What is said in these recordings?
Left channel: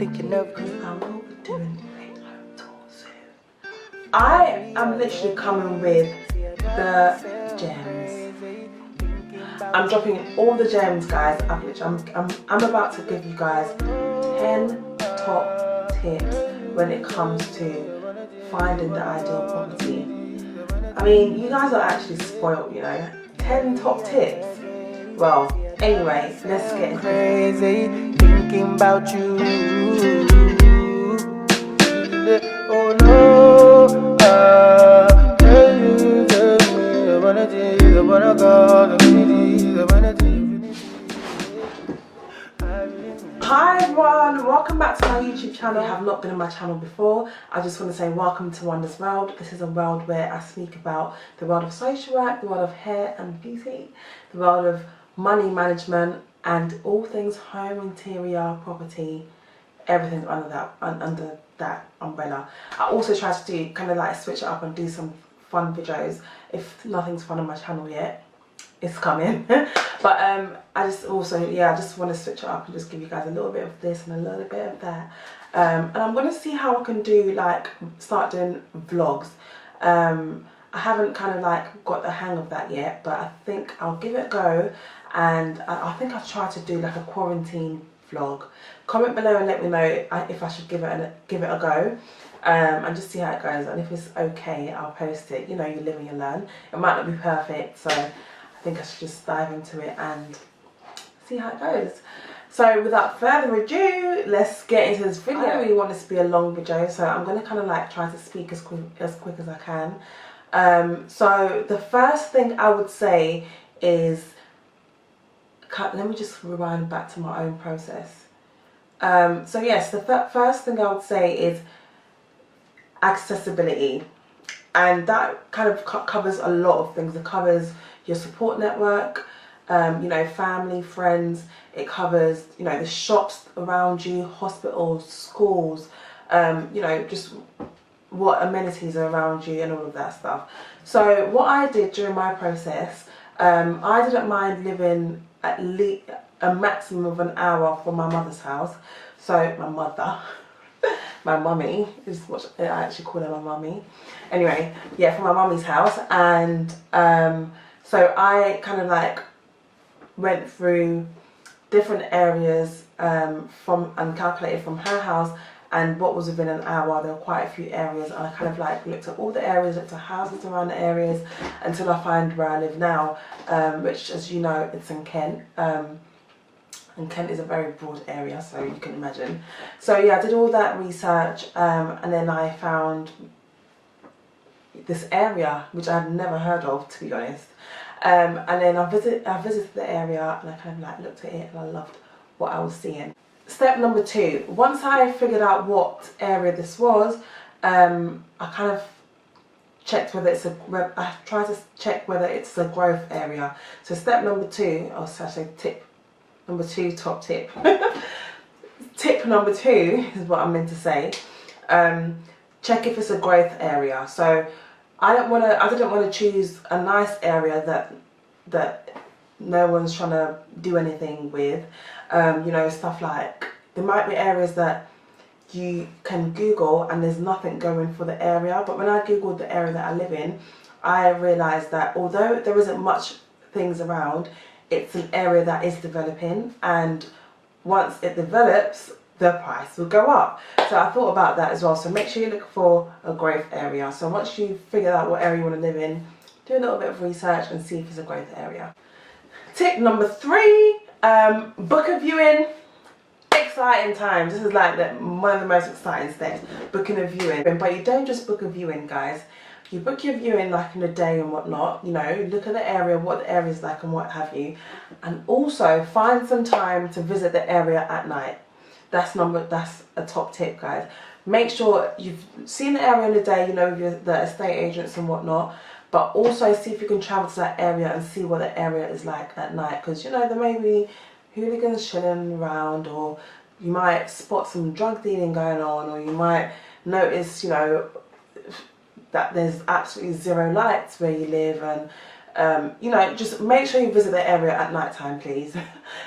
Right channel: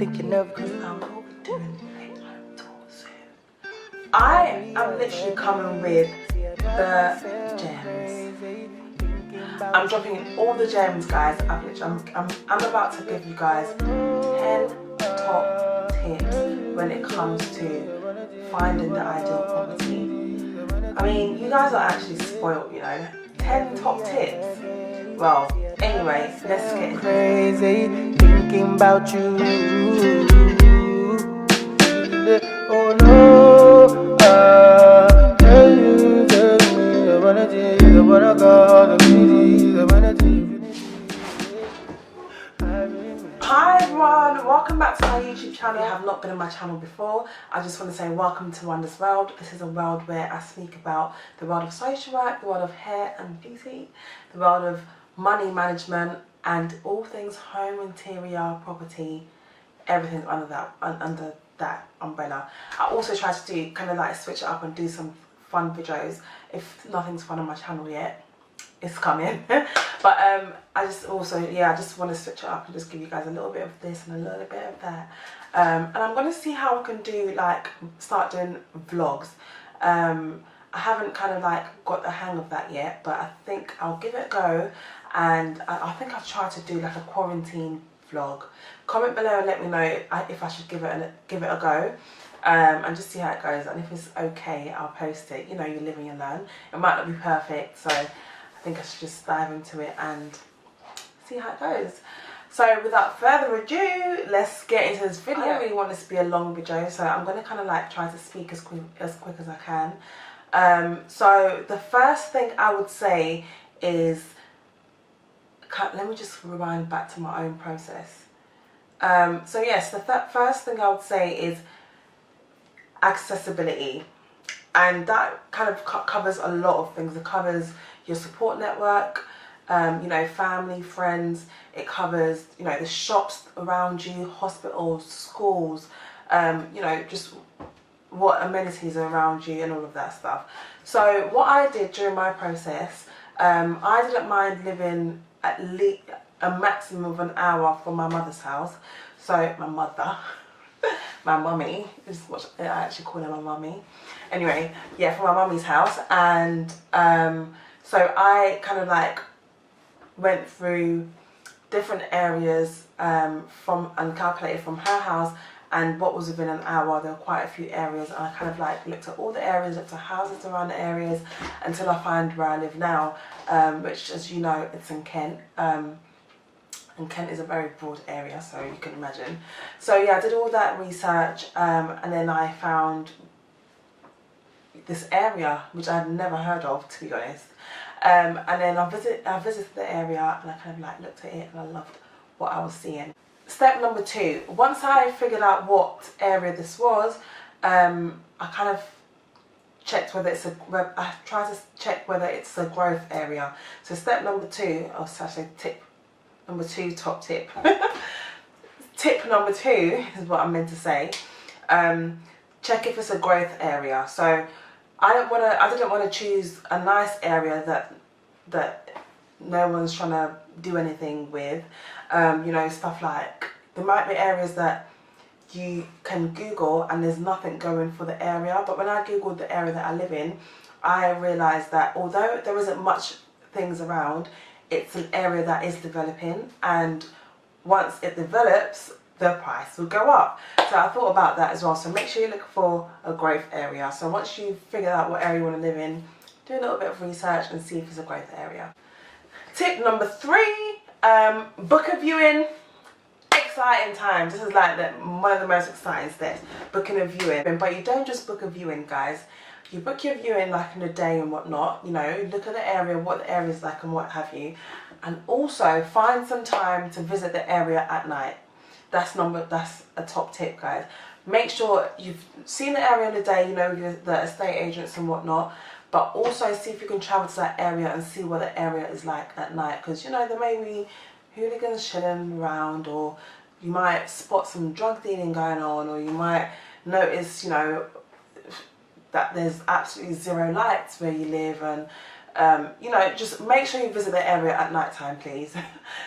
thinking of you. I will be doing a home tour soon. I am literally coming with the gems. I'm dropping in all the gems, guys. I'm about to give you guys 10 top tips when it comes to finding the ideal property. I mean, you guys are actually spoiled, you know. 10 top tips. Well, anyway, let's get crazy thinking about you. Oh no, Hi everyone, welcome back to my YouTube channel. If you have not been on my channel before, I just want to say welcome to Wonder's World. This is a world where I speak about the world of social work, the world of hair and beauty, the world of money management, and all things home, interior, property, everything under that umbrella. I also try to do kind of like switch it up and do some fun videos. If nothing's fun on my channel yet, it's coming. But I just also, yeah, I just want to switch it up and just give you guys a little bit of this and a little bit of that. And I'm going to see how I can do, like, start doing vlogs. I haven't kind of like got the hang of that yet, but I think I'll give it a go. And I think I'll try to do like a quarantine vlog. Comment below and let me know if I should give it a go. And just see how it goes. And if it's okay, I'll post it. You know, you live and you learn. It might not be perfect, so I think I should just dive into it and see how it goes. So without further ado, let's get into this video. I don't really want this to be a long video, so I'm going to kind of like try to speak as quick as I can. So the first thing I would say is, let me just rewind back to my own process. So yes, the first thing I would say is accessibility. And that kind of covers a lot of things. It covers your support network, you know, family, friends. It covers, you know, the shops around you, hospitals, schools, you know, just what amenities are around you and all of that stuff. So what I did during my process, I didn't mind living at least a maximum of an hour from my mother's house. So my mother, my mummy is what I actually call her, my mummy. Anyway, yeah, from my mummy's house. And so I kind of like went through different areas and calculated from her house and what was within an hour. There were quite a few areas, and I kind of like looked at all the areas, looked at houses around the areas until I find where I live now, which, as you know, it's in Kent. And Kent is a very broad area, so you can imagine. So yeah, I did all that research, and then I found this area which I had never heard of, to be honest. And then I visited the area, and I kind of like looked at it, and I loved what I was seeing. Step number 2. Once I figured out what area this was, I kind of checked whether it's I tried to check whether it's a growth area. So step number 2, or actually tip number 2, top tip. Tip number 2 is what I meant to say. Check if it's a growth area. So I didn't want to choose a nice area that no one's trying to do anything with. You know, stuff like, there might be areas that you can Google and there's nothing going for the area. But when I Googled the area that I live in, I realised that although there isn't much things around, it's an area that is developing, and once it develops, the price will go up. So I thought about that as well. So make sure you look for a growth area. So once you figure out what area you want to live in, do a little bit of research and see if it's a growth area. Tip number 3, book a viewing. Exciting times. This is like one of the most exciting steps, booking a viewing. But you don't just book a viewing, guys. You book your viewing like in a day and whatnot, you know, look at the area, what the area is like and what have you. And also find some time to visit the area at night. That's a top tip, guys. Make sure you've seen the area in the day, you know, the estate agents and whatnot. But also see if you can travel to that area and see what the area is like at night. Because, you know, there may be hooligans chilling around, or you might spot some drug dealing going on, or you might notice, you know, that there's absolutely zero lights where you live. And you know, just make sure you visit the area at night time, please.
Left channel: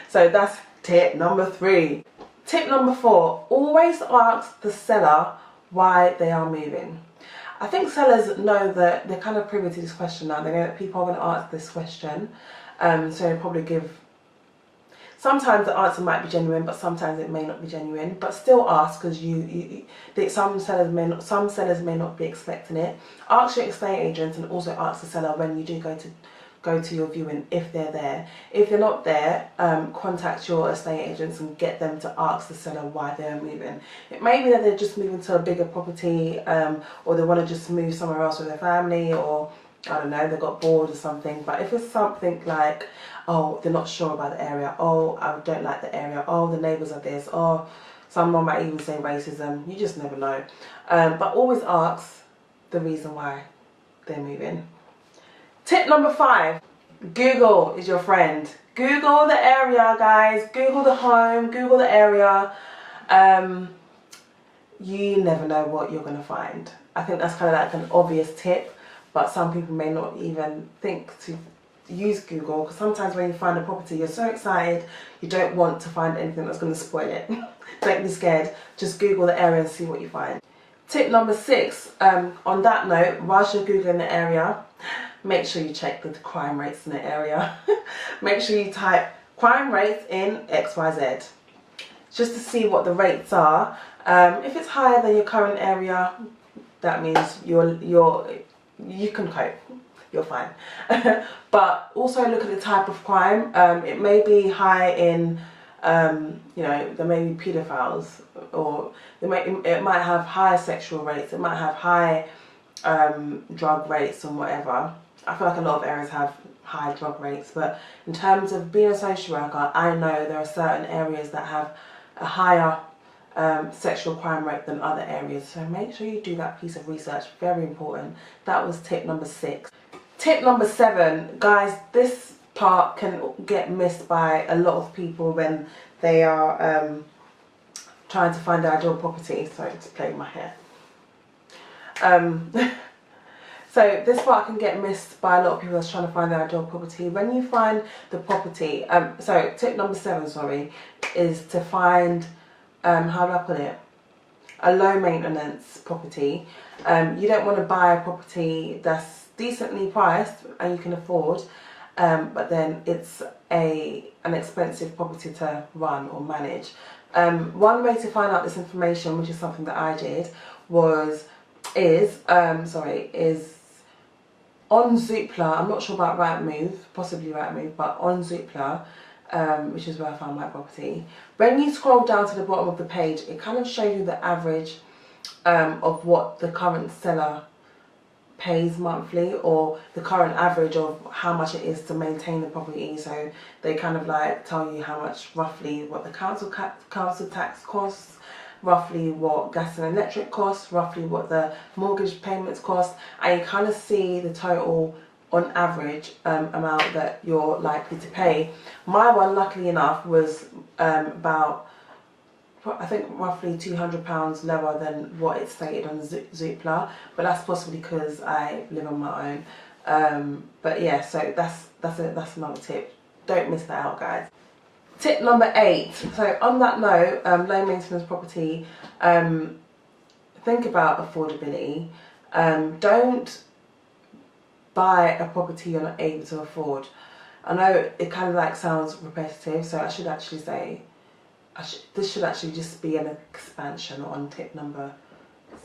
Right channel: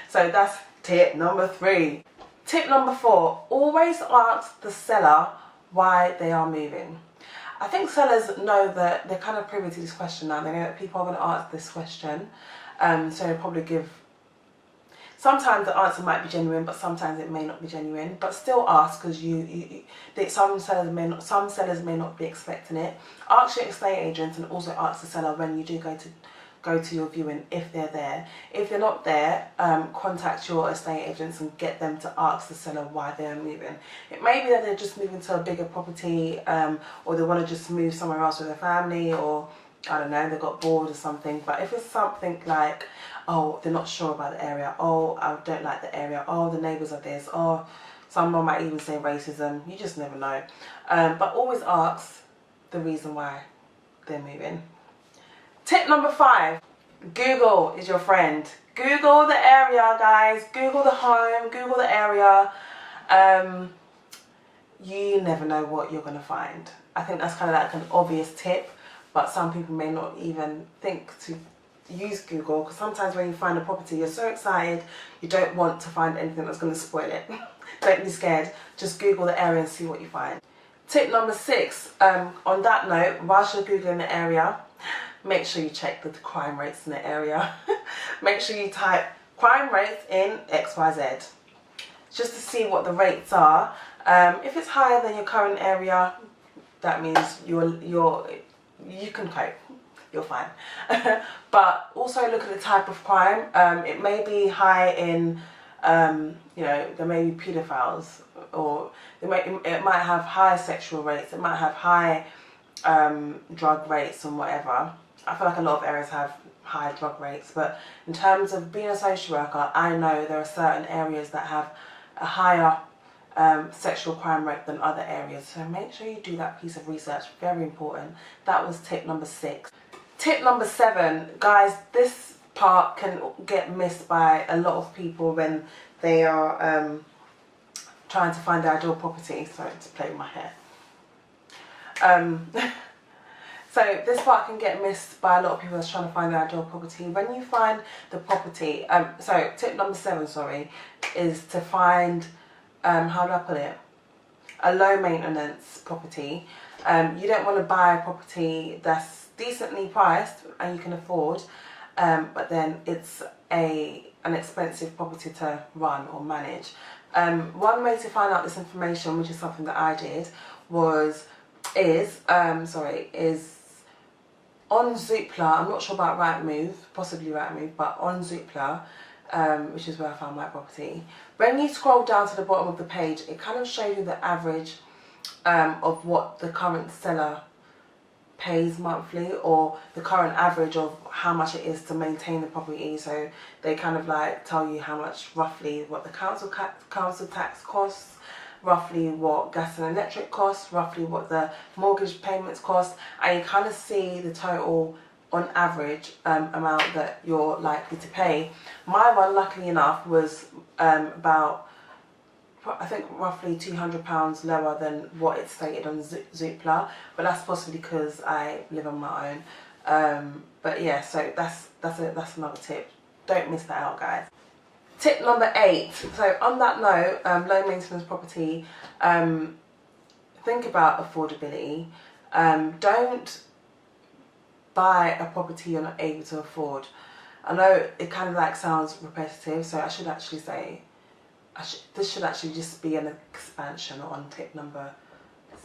So that's tip number 3. Tip number 4, always ask the seller why they are moving. I think sellers know that they're kind of privy to this question now. They know that people are going to ask this question. So they probably give, sometimes the answer might be genuine, but sometimes it may not be genuine. But still ask, because some sellers may not be expecting it. Ask your estate agent and also ask the seller when you do go to your viewing, if they're there. If they're not there, contact your estate agents and get them to ask the seller why they're moving. It may be that they're just moving to a bigger property, or they want to just move somewhere else with their family, or I don't know, they got bored or something. But if it's something like, oh, they're not sure about the area, oh, I don't like the area, oh, the neighbours are this, or someone might even say racism, you just never know. But always ask the reason why they're moving. Tip number 5, Google is your friend. Google the area, guys. Google the home, Google the area. You never know what you're going to find. I think that's kind of like an obvious tip, but some people may not even think to use Google, because sometimes when you find a property, you're so excited, you don't want to find anything that's going to spoil it. Don't be scared. Just Google the area and see what you find. Tip number 6, on that note, whilst you're Googling the area, make sure you check the crime rates in the area. Make sure you type crime rates in XYZ, just to see what the rates are. If it's higher than your current area, that means you can cope. You're fine. But also look at the type of crime. It may be high in, there may be paedophiles, or it might have higher sexual rates. It might have high drug rates and whatever. I feel like a lot of areas have high drug rates, but in terms of being a social worker, I know there are certain areas that have a higher sexual crime rate than other areas. So make sure you do that piece of research. Very important. That was tip number 6. Tip number 7, guys, this part can get missed by a lot of people when they are trying to find their ideal property. Sorry to play with my hair. So this part can get missed by a lot of people that's trying to find their ideal property. When you find the property, so tip number 7, sorry, is to find, how do I put it? A low maintenance property. You don't want to buy a property that's decently priced and you can afford, but then it's an expensive property to run or manage. One way to find out this information, which is something that I did, is on Zoopla. I'm not sure about Rightmove, possibly Rightmove, but on Zoopla, which is where I found my property. When you scroll down to the bottom of the page, it kind of shows you the average of what the current seller pays monthly, or the current average of how much it is to maintain the property. So they kind of like tell you how much roughly what the council tax costs, roughly what gas and electric costs, roughly what the mortgage payments cost, and you kind of see the total on average amount that you're likely to pay. My one, luckily enough, was about, I think, roughly £200 lower than what it stated on Zoopla, but that's possibly because I live on my own. But yeah, so that's another tip. Don't miss that out, guys. Tip number 8. So on that note, low maintenance property, think about affordability. Don't buy a property you're not able to afford. I know it kind of like sounds repetitive, so I should actually say, this should actually just be an expansion on tip number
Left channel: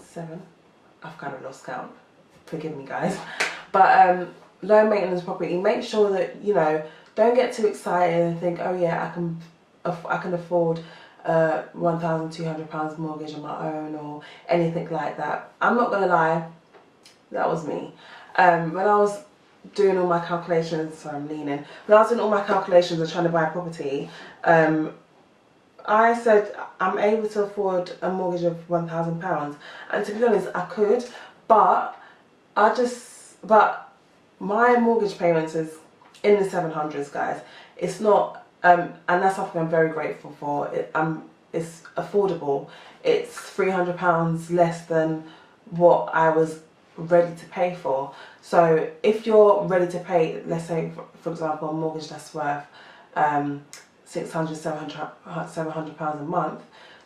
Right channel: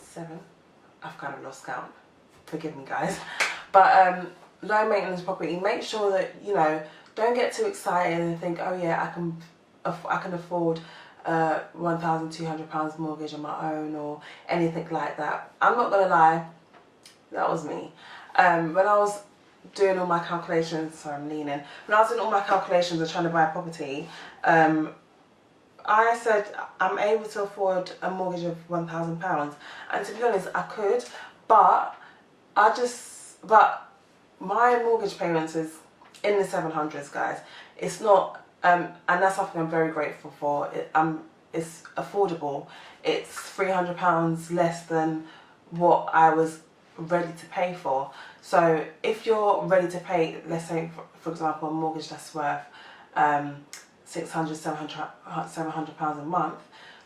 7. I've kind of lost count. Forgive me, guys. But low maintenance property, make sure that, don't get too excited and think, oh yeah, I can afford £1,200 mortgage on my own or anything like that. I'm not gonna lie, that was me. When I was doing all my calculations, sorry, I'm leaning. When I was doing all my calculations and trying to buy a property, I said I'm able to afford a mortgage of £1,000, and to be honest, I could, but my mortgage payments is in the 700s, guys. It's not, and that's something I'm very grateful for. It's affordable. It's £300 less than what I was ready to pay for. So if you're ready to pay, let's say for example, a mortgage that's worth £600, £700 a month,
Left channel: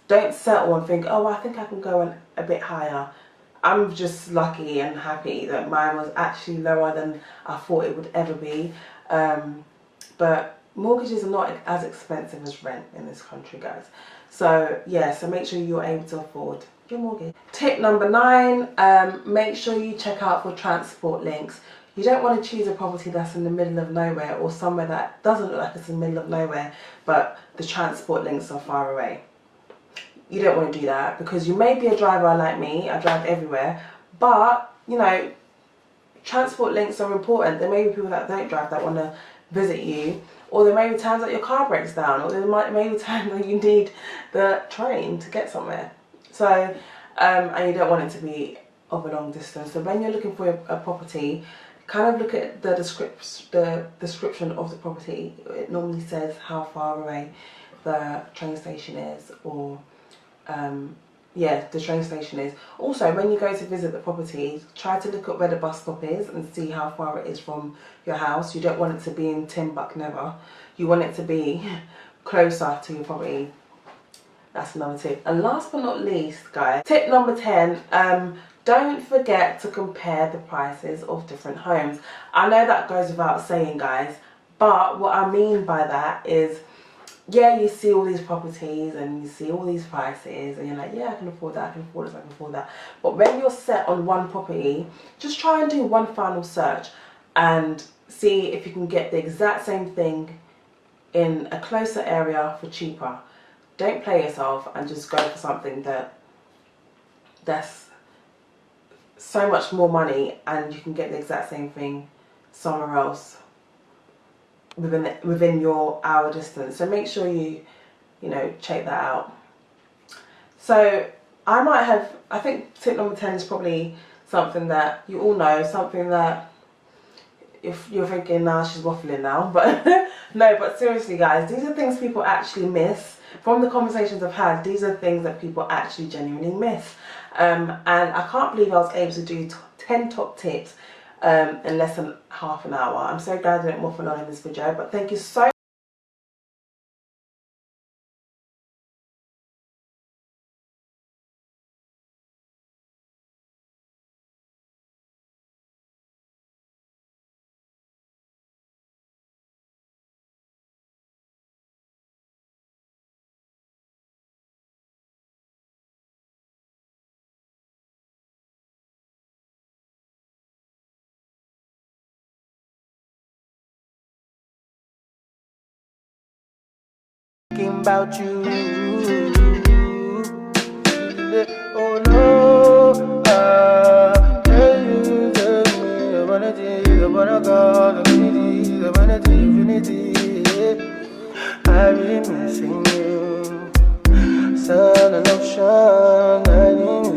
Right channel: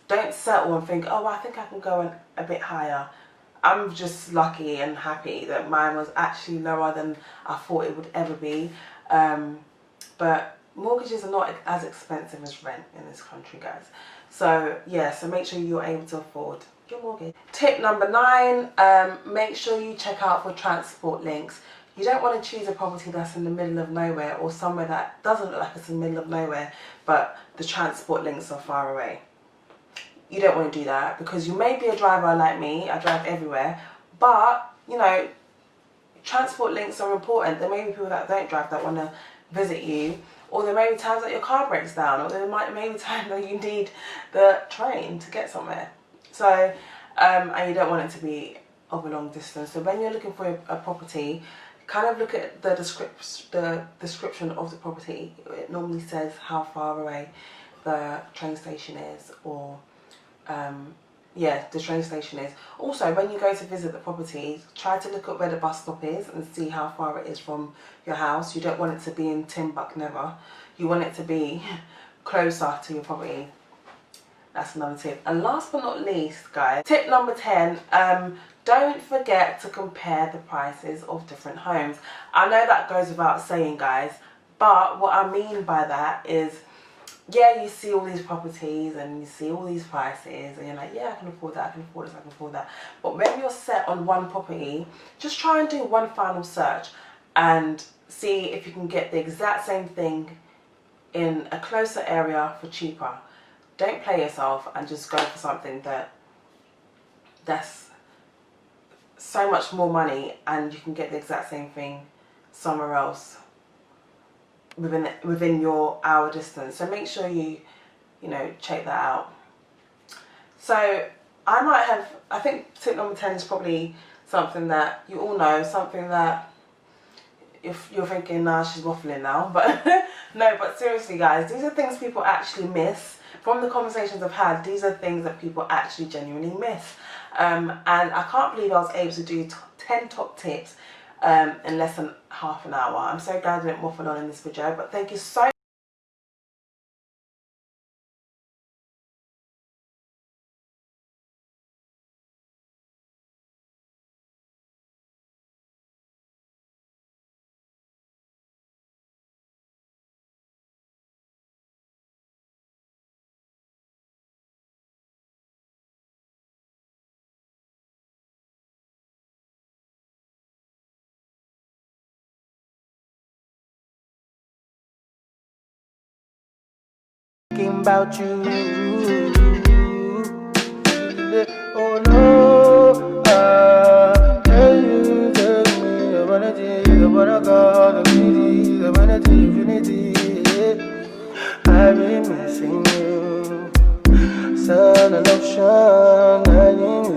don't settle and think, oh, I think I can go a bit higher. I'm just lucky and happy that mine was actually lower than I thought it would ever be. But mortgages are not as expensive as rent in this country, guys. So yeah, so make sure you're able to afford your mortgage. Tip number 9, make sure you check out for transport links. You don't want to choose a property that's in the middle of nowhere, or somewhere that doesn't look like it's in the middle of nowhere, but the transport links are far away. You don't want to do that, because you may be a driver like me. I drive everywhere, but you know, transport links are important. There may be people that don't drive that want to visit you, or there may be times that your car breaks down, or there may be times that you need the train to get somewhere. So and you don't want it to be of a long distance. So when you're looking for a property, kind of look at the description of the property. It normally says how far away the train station is, or yeah, the train station is. Also, when you go to visit the property, try to look at where the bus stop is and see how far it is from your house. You don't want it to be in Timbuk never. You want it to be closer to your property. That's another tip. And last but not least, guys, tip number 10, don't forget to compare the prices of different homes. I know that goes without saying, guys, but what I mean by that is, yeah, you see all these properties and you see all these prices and you're like, yeah, I can afford that, I can afford this, I can afford that. But when you're set on one property, just try and do one final search and see if you can get the exact same thing in a closer area for cheaper. Don't play yourself and just go for something that's so much more money and you can get the exact same thing somewhere else within your hour distance. So make sure you know, check that out. So I think tip number 10 is probably something that you all know, something that if you're thinking, nah, she's waffling now, but no, but seriously, guys, these are things people actually miss. From the conversations I've had, these are things that people actually genuinely miss. And I can't believe I was able to do 10 top tips in less than half an hour. I'm so glad I didn't waffle on in this video, but thank you so much. About you, oh no, tell me, I wanna see, I wanna go, I wanna see infinity. I've been missing you, sun and ocean, I need